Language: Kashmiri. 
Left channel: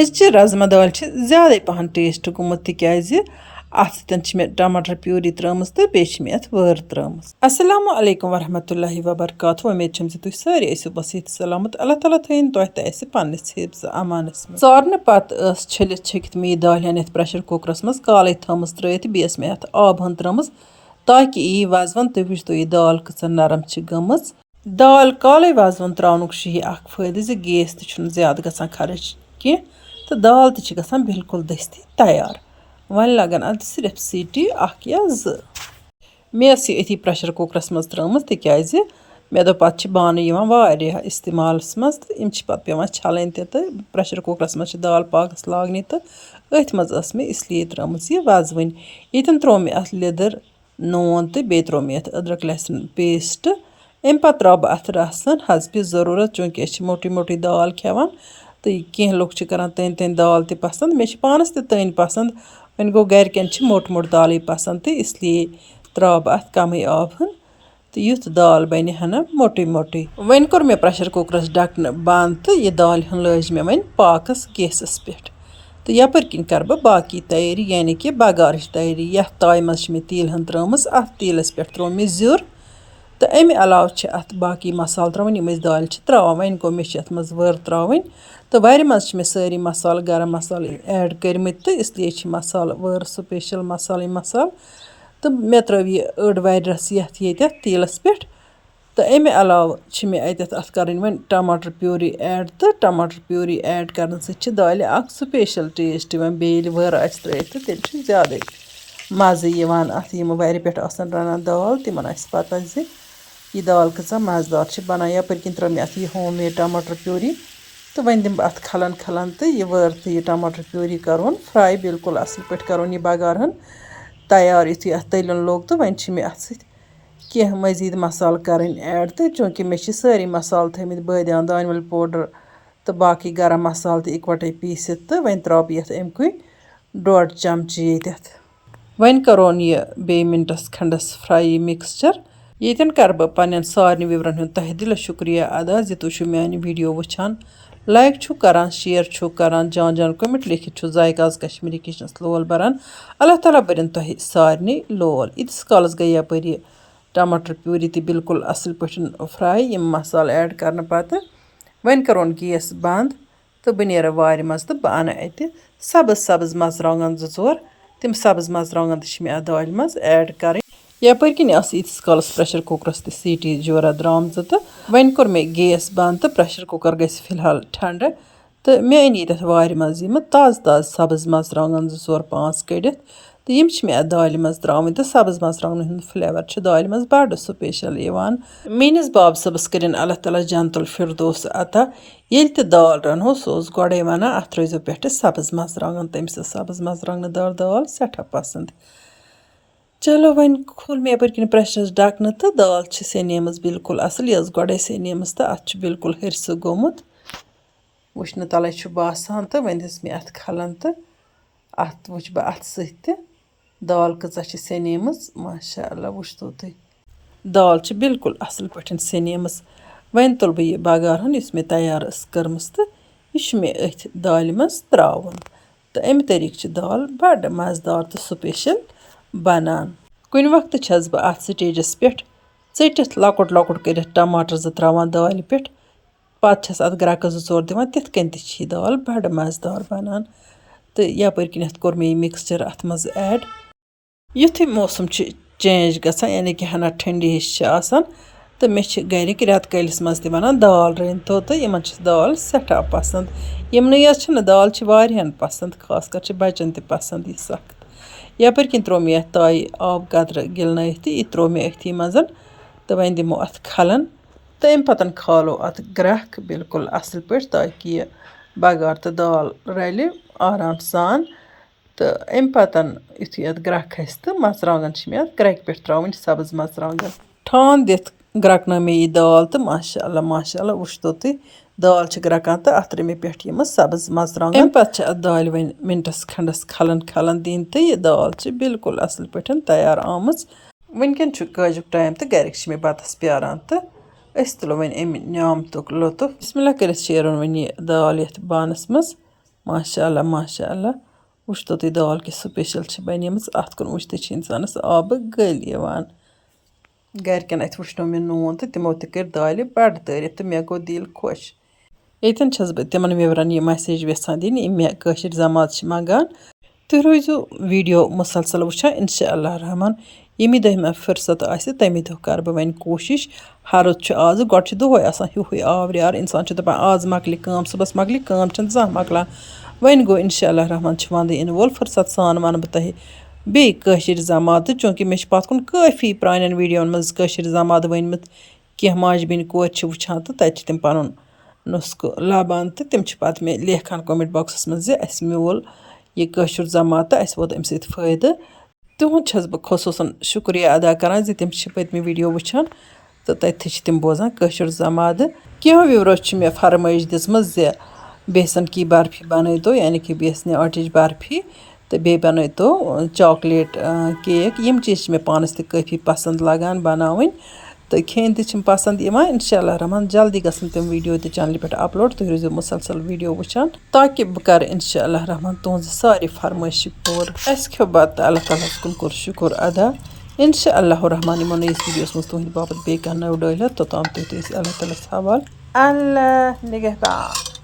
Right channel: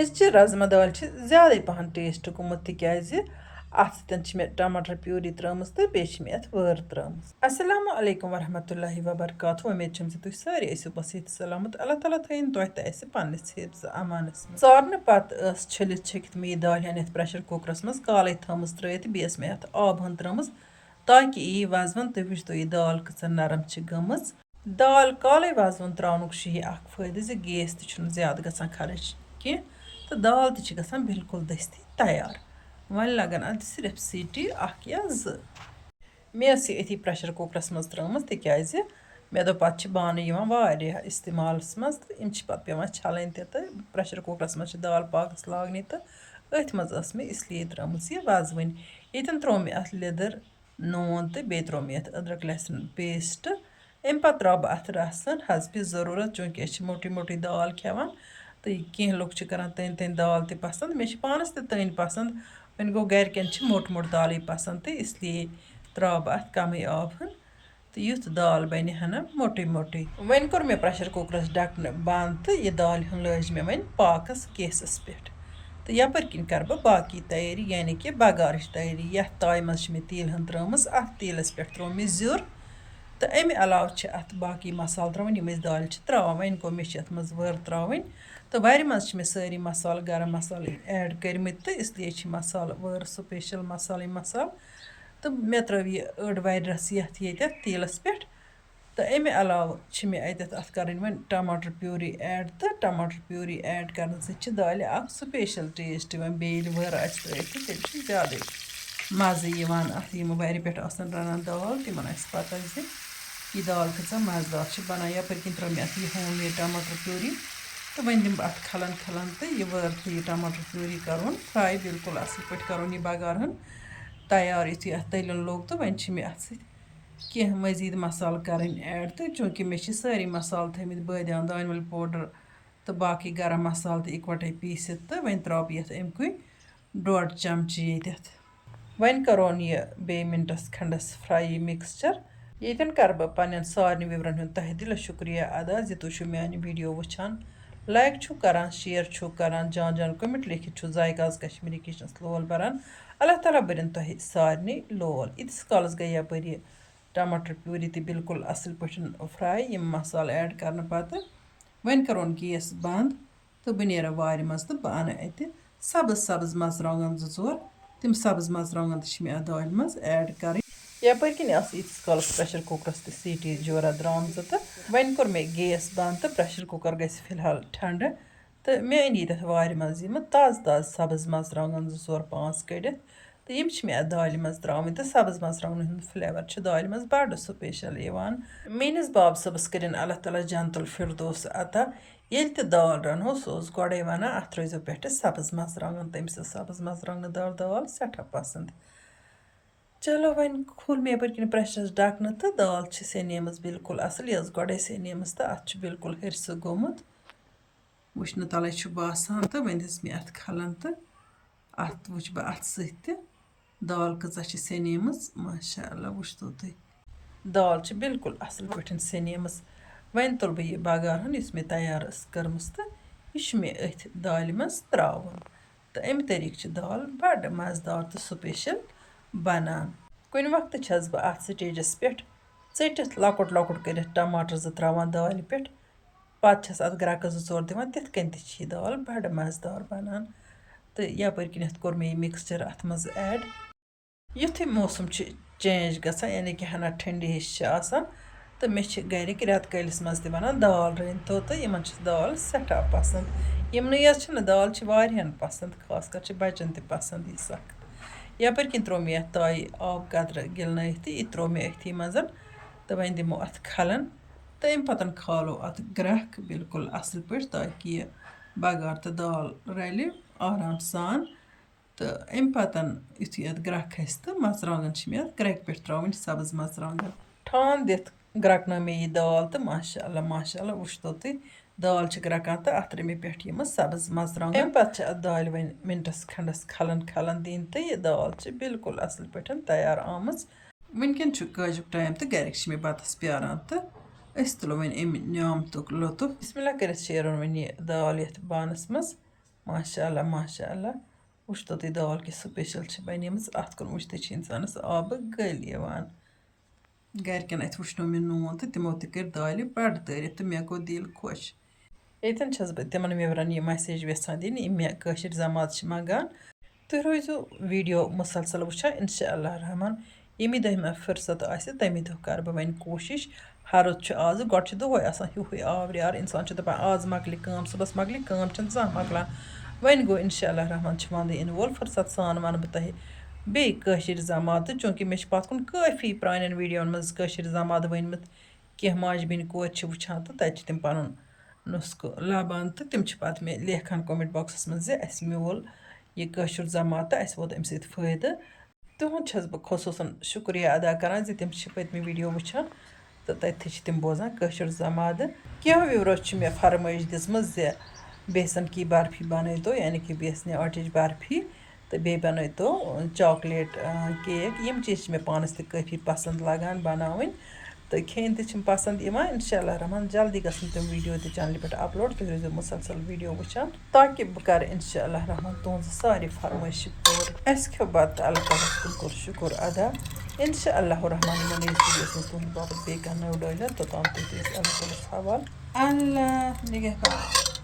أزچہِ رازما دال چھِ زیادَے پَہَن ٹیسٹ گوٚمُت تِکیٛازِ اَتھ سۭتۍ چھِ مےٚ ٹماٹر پیوٗری ترٛٲمٕژ تہٕ بیٚیہِ چھِ مےٚ اَتھ وٲر ترٛٲمٕژ اَسَلامُ علیکُم ورحمتُہ وبرکاتہ اُمید چھَم زِ تُہۍ سٲری ٲسِو بصیٖحت سلامت اللہ تعالیٰ تھٲیِن تۄہہِ تہِ اَسہِ پنٛنِس حِفظ امانَس منٛز ژارنہٕ پَتہٕ ٲس چھٔلِتھ چھٔکِتھ مےٚ یہِ دالہن یَتھ پرٛیشَر کُکرَس منٛز کالَے تھٲومٕژ ترٛٲیِتھ بیٚیہِ ٲس مےٚ اَتھ آب ہن ترٛٲمٕژ تاکہِ یی وَزوُن تُہۍ وٕچھتو یہِ دال کۭژاہ نرم چھِ گٔمٕژ دال کالَے وَزوُن ترٛاونُک چھُ یہِ اَکھ فٲیدٕ زِ گیس تہِ چھُنہٕ زیادٕ گژھان خرٕچ کینٛہہ تہٕ دال تہِ چھِ گژھان بِلکُل دٔستی تیار وۄنۍ لَگَن اَتھ صرف سیٖٹی اَکھ یا زٕ مےٚ ٲس یہِ أتھی پرٛیشَر کُکرَس منٛز ترٛٲمٕژ تِکیٛازِ مےٚ دوٚپ پَتہٕ چھِ بانہٕ یِوان واریاہ اِستعمالَس منٛز تہٕ یِم چھِ پَتہٕ پٮ۪وان چھَلٕنۍ تہِ تہٕ پرٛیشَر کُکرَس منٛز چھِ دال پاکَس لاگنہِ تہٕ أتھۍ منٛز ٲس مےٚ اِسلیے ترٛٲمٕژ یہِ وَزوٕنۍ ییٚتٮ۪ن ترٛوو مےٚ اَتھ لیٚدٕر نوٗن تہٕ بیٚیہِ ترٛوو مےٚ اَتھ أدرَک لہسُن پیسٹ اَمہِ پَتہٕ ترٛاوٕ بہٕ اَتھ رَسَن حسبہِ ضروٗرت چوٗنٛکہِ أسۍ چھِ موٹٕے موٹٕے دال کھٮ۪وان تہٕ کینٛہہ لُکھ چھِ کَران تٔنۍ تٔنۍ دال تہِ پَسنٛد مےٚ چھِ پانَس تہِ تٔنۍ پَسنٛد وۄنۍ گوٚو گَرِکٮ۪ن چھِ موٚٹ موٚٹ دالٕے پَسنٛد تہٕ اِسلیے ترٛاوٕ بہٕ اَتھ کَمٕے آب ہن تہٕ یُتھ دال بَنہِ ہنا موٹٕے موٹٕے وۄنۍ کوٚر مےٚ پرٛیشَر کُکرَس ڈَکھنہٕ بنٛد تہٕ یہِ دالہِ ہن لٲج مےٚ وۄنۍ پاکَس گیسَس پٮ۪ٹھ تہٕ یَپٲرۍ کِنۍ کَرٕ بہٕ باقٕے تیٲری یعنی کہِ بَگارٕچ تیٲری یَتھ تایہِ منٛز چھِ مےٚ تیٖل ہن ترٛٲمٕژ اَتھ تیٖلَس پٮ۪ٹھ ترٛوو مےٚ زیُر تہٕ اَمہِ علاوٕ چھِ اَتھ باقٕے مصالہٕ ترٛاوٕنۍ یِم أسۍ دالہِ چھِ ترٛاوان وۄنۍ گوٚو مےٚ چھِ اَتھ منٛز وٲر ترٛاوٕنۍ تہٕ وارِ منٛز چھِ مےٚ سٲری مصالہٕ گرم مصالہٕ ایڈ کٔرمٕتۍ تہٕ اِسلیے چھِ مصالہٕ وٲر سُپیشَل مصالٕے مصالہٕ تہٕ مےٚ ترٛٲو یہِ أڑ وارِ رَس ییٚتٮ۪تھ تیٖلَس پٮ۪ٹھ تہٕ اَمہِ علاوٕ چھِ مےٚ اَتٮ۪تھ اَتھ کَرٕنۍ وۄنۍ ٹماٹر پیوٗری ایڈ تہٕ ٹماٹر پیوٗری ایڈ کَرنہٕ سۭتۍ چھِ دالہِ اَکھ سُپیشَل ٹیسٹ یِوان بیٚیہِ ییٚلہِ وٲر آسہِ ترٛٲیِتھ تہٕ تیٚلہِ چھُ زیادَے مَزٕ یِوان اَتھ یِم وارِ پٮ۪ٹھ آسان رَنان دال تِمَن آسہِ پَتہ زِ یہِ دال کۭژاہ مَزٕدار چھِ بَنان یَپٲرۍ کِنۍ ترٛٲو مےٚ اَتھ یہِ ہوم میڈ ٹماٹر پیوٗری تہٕ وۄنۍ دِمہٕ بہٕ اَتھ کھَلَن کھَلَن تہٕ یہِ وٲر تہٕ یہِ ٹماٹر پیوٗری کَرون فرٛاے بِلکُل اَصٕل پٲٹھۍ کَرون یہِ بَگار ہن تیار یُتھُے اَتھ تٔلیُن لوٚگ تہٕ وۄنۍ چھِ مےٚ اَتھ سۭتۍ کینٛہہ مٔزیٖد مصالہٕ کَرٕنۍ ایڈ تہٕ چوٗنٛکہِ مےٚ چھِ سٲری مصالہٕ تھٲیمٕتۍ بٲدیان دانہِ وَل پوڈَر تہٕ باقٕے گرم مصالہٕ تہِ اِکوَٹَے پیٖسِتھ تہٕ وۄنۍ ترٛاوٕ بہٕ یَتھ اَمہِ کُے 1.5 چمچہٕ ییٚتٮ۪تھ وۄنۍ کَرون یہِ بیٚیہِ مِنٹَس کھنٛڈَس فرٛاے یہِ مِکسچَر ییٚتٮ۪ن کَرٕ بہٕ پنٛنٮ۪ن سارنٕے وِورَن ہُنٛد تہہِ دِلہِ شُکریہ ادا زِ تُہۍ چھُو میٛانہِ ویٖڈیو وٕچھان لایک چھُو کَران شِیَر چھُو کَران جان جان کوٚمٮ۪نٛٹ لیکھِتھ چھُ ذایقاز کشمیٖری کِچنَس لول بَران اللہ تعالیٰ بٔرِنۍ تۄہہِ سارنٕے لول ییٖتِس کالَس گٔے یَپٲرۍ یہِ ٹماٹر پیوٗری تہِ بِلکُل اَصٕل پٲٹھۍ فرٛاے یِم مصالہٕ ایڈ کَرنہٕ پَتہٕ وۄنۍ کَرون گیس بنٛد تہٕ بہٕ نیرٕ وارِ منٛز تہٕ بہٕ اَنہٕ اَتہِ سبٕز مرژٕوانٛگَن 2-4 تِم سبٕز مرژٕوانٛگَن تہِ چھِ مےٚ اَتھ دالہِ منٛز ایڈ کَرٕنۍ یَپٲرۍ کِنۍ ٲس ییٖتِس کالَس پرٛیشَر کُکرَس تہِ سیٖٹی جورہ درٛامژٕ تہٕ وۄنۍ کوٚر مےٚ گیس بنٛد تہٕ پرٛیشَر کُکَر گژھِ فِلحال ٹھنٛڈٕ تہٕ مےٚ أنۍ ییٚتٮ۪تھ وارِ منٛز یِمہٕ تازٕ سبٕز مرژٕوانٛگَن 2-4-5 کٔڑِتھ تہٕ یِم چھِ مےٚ اَتھ دالہِ منٛز ترٛاوٕنۍ تہٕ سبٕز مرژٕوانٛگنَن ہُنٛد فٕلیوَر چھُ دالہِ منٛز بَڑٕ سُپیشَل یِوان میٛٲنِس باب صٲبَس کٔرِنۍ اللہ تعالیٰ جنت الفردوس عطا ییٚلہِ تہِ دال رَنہو سُہ اوس گۄڈَے وَنان اَتھ ترٛٲیزیو پٮ۪ٹھٕ سبٕز مرژٕوانٛگَن تٔمِس ٲس سبٕز مرژٕوانٛگنہٕ دار دال سٮ۪ٹھاہ پَسنٛد چلو وۄنۍ کھوٗل مےٚ یَپٲرۍ کِنۍ پرٛیشرَس ڈَکنہٕ تہٕ دال چھِ سیٚنیمٕژ بِلکُل اَصٕل یہِ ٲس گۄڈَے سیٚنیمٕژ تہٕ اَتھ چھُ بِلکُل ۂرسہٕ گوٚمُت وٕچھنہٕ تَلَے چھُ باسان تہٕ وۄنۍ دِژ مےٚ اَتھ کھَلَن تہٕ اَتھ وٕچھ بہٕ اَتھٕ سۭتۍ تہِ دال کۭژاہ چھِ سیٚنیمٕژ ماشاء اللہ وٕچھتو تُہۍ دال چھِ بِلکُل اَصٕل پٲٹھۍ سیٚنیمٕژ وۄنۍ تُلہٕ بہٕ یہِ بَگار ہن یُس مےٚ تیار ٲس کٔرمٕژ تہٕ یہِ چھُ مےٚ أتھۍ دالہِ منٛز ترٛاوُن تہٕ اَمہِ طریٖقہٕ چھِ دال بَڑٕ مَزٕدار تہٕ سُپیشَل بَنان کُنہِ وقتہٕ چھَس بہٕ اَتھ سِٹیجَس پٮ۪ٹھ ژٔٹِتھ لۄکُٹ لۄکُٹ کٔرِتھ ٹماٹر 2 ترٛاوان دالہِ پٮ۪ٹھ پَتہٕ چھَس اَتھ گرٛٮ۪کہٕ 2-4 دِوان تِتھ کٔنۍ تہِ چھِ یہِ دال بَڑٕ مَزٕدار بَنان تہٕ یَپٲرۍ کِنٮ۪تھ کوٚر مےٚ یہِ مِکسچَر اَتھ منٛز ایڈ یُتھُے موسم چھِ چینٛج گژھان یعنی کہِ ہنا ٹھنٛڈی ہِش چھِ آسان تہٕ مےٚ چھِ گَرِکۍ رٮ۪تہٕ کٲلِس منٛز تہِ وَنان دال رٔنۍ تو تہٕ یِمَن چھِ دال سٮ۪ٹھاہ پَسنٛد یِمنٕے یٲژ چھِنہٕ دال چھِ واریاہَن پَسنٛد خاص کر چھِ بَچَن تہِ پَسنٛد یہِ سَخت یَپٲرۍ کِنۍ ترٛوو مےٚ یَتھ تایہِ آب قطرٕ گِلنٲیِتھ تہٕ یہِ ترٛوو مےٚ أتھی منٛز تہٕ وۄنۍ دِمو اَتھ کھَلَن تہٕ اَمہِ پَتہٕ کھالو اَتھ گرٛٮ۪کھ بِلکُل اَصٕل پٲٹھۍ تاکہِ یہِ بَگار تہٕ دال رَلہِ آرام سان تہٕ اَمہِ پَتہٕ یُتھُے اَتھ گرٛٮ۪کھ کھَسہِ تہٕ مرژٕوانٛگَن چھِ مےٚ اَتھ گرٛٮ۪کہِ پٮ۪ٹھ ترٛاوٕنۍ سبٕز مرژٕوانٛگَن ٹھانٛد دِتھ گرٛٮ۪کنٲو مےٚ یہِ دال تہٕ ماشاء اللہ وٕچھتو تُہۍ دال چھِ گرٛٮ۪کان تہٕ اَتھ ترٛٲے مےٚ پٮ۪ٹھ یِمہٕ سبٕز مرژٕوانٛگَن اَمہِ پَتہٕ چھِ اَتھ دالہِ وۄنۍ مِنٹَس کھنٛڈَس کھَلَن دِنۍ تہٕ یہِ دال چھِ بِلکُل اَصٕل پٲٹھۍ تیار آمٕژ وٕنۍکٮ۪ن چھُ کٲجُک ٹایم تہٕ گَرِکۍ چھِ مےٚ بَتَس پیاران تہٕ أسۍ تُلو وۄنۍ اَمہِ نعمتُک لطف بِسمِ اللہ کٔرِتھ شیرون وۄنۍ یہِ دال یَتھ بانَس منٛز माशाअल्लाह माशाअल्लाह वुचतो तुम दाल कि स्पेशल बनेमस अत कुन वुचते इंसानस आब गल यवान गरकन अत वुचनो मे नून तो तिमो त कर दाल बड़ तारीफ तो मे गो दिल खुश यतन छस बह तिमन विवरन यह मैसेज यछान दिन यम मे कशिर जमात मंगान तुम रोजो वीडियो मुसलसल वुचान इंशाअल्लाह रहमान यमि दह मे फुर्सत आसि तमि दह कर बह वन कोशिश हरुद आज गोड दोहे आसान ह्यूय आवरियार इंसान दपान आज मकलि काम सुबह मकलि काम जहाँ मकलान वन गो इंशाअल्लाह रहमान वंद इन वोल फुर्सत सान वन बह तह बे कशिर जमात चूँकि मे पत कुन काफ़ी प्रान वीडियोन मज कशिर जमात वनमत कह माज बेन कोर वुचान तो तत तम पन नुस्ख लाबान तो तम पत मे लेखान कमेंट बॉक्सस मज अस मोल यह कशिर जमात तो अस वोत अम सत फ़ायदे तुहद छस बह खसूसन शुक्रिया अदा करान जि तम पत्म वीडियो वुचान तो तथ तम बोजान कशिर जमात कहो व्यूअर्स मे फरमाइश दिसमत बेसन की बर्फी बन तो यानी कि बेसन आटिच बर्फी तो बे बन तो चॉकलेट केक यम चीज़ मे पानस त काफ़ी पसंद लगान बनावन तो खेन तम पसंद इंशाअल्लाह रहमान जल्दी गसन तम वीडियो त चैनल पे अपलोड तुम रोजो मुसलसल वीडियो वुचान ताकि बह कर इंशाअल्लाह रहमान तुज सारी फरमाइश पूर अस खो बत अल्लाह ताला कुन कोर शुक्र अदा इंशाअल्लाह रहमान यमो नयस वीडियोस मज तुहद बापत बे नव डल तोतान तुम अल्लाह ताला हवाल अल्लाह निगहबान।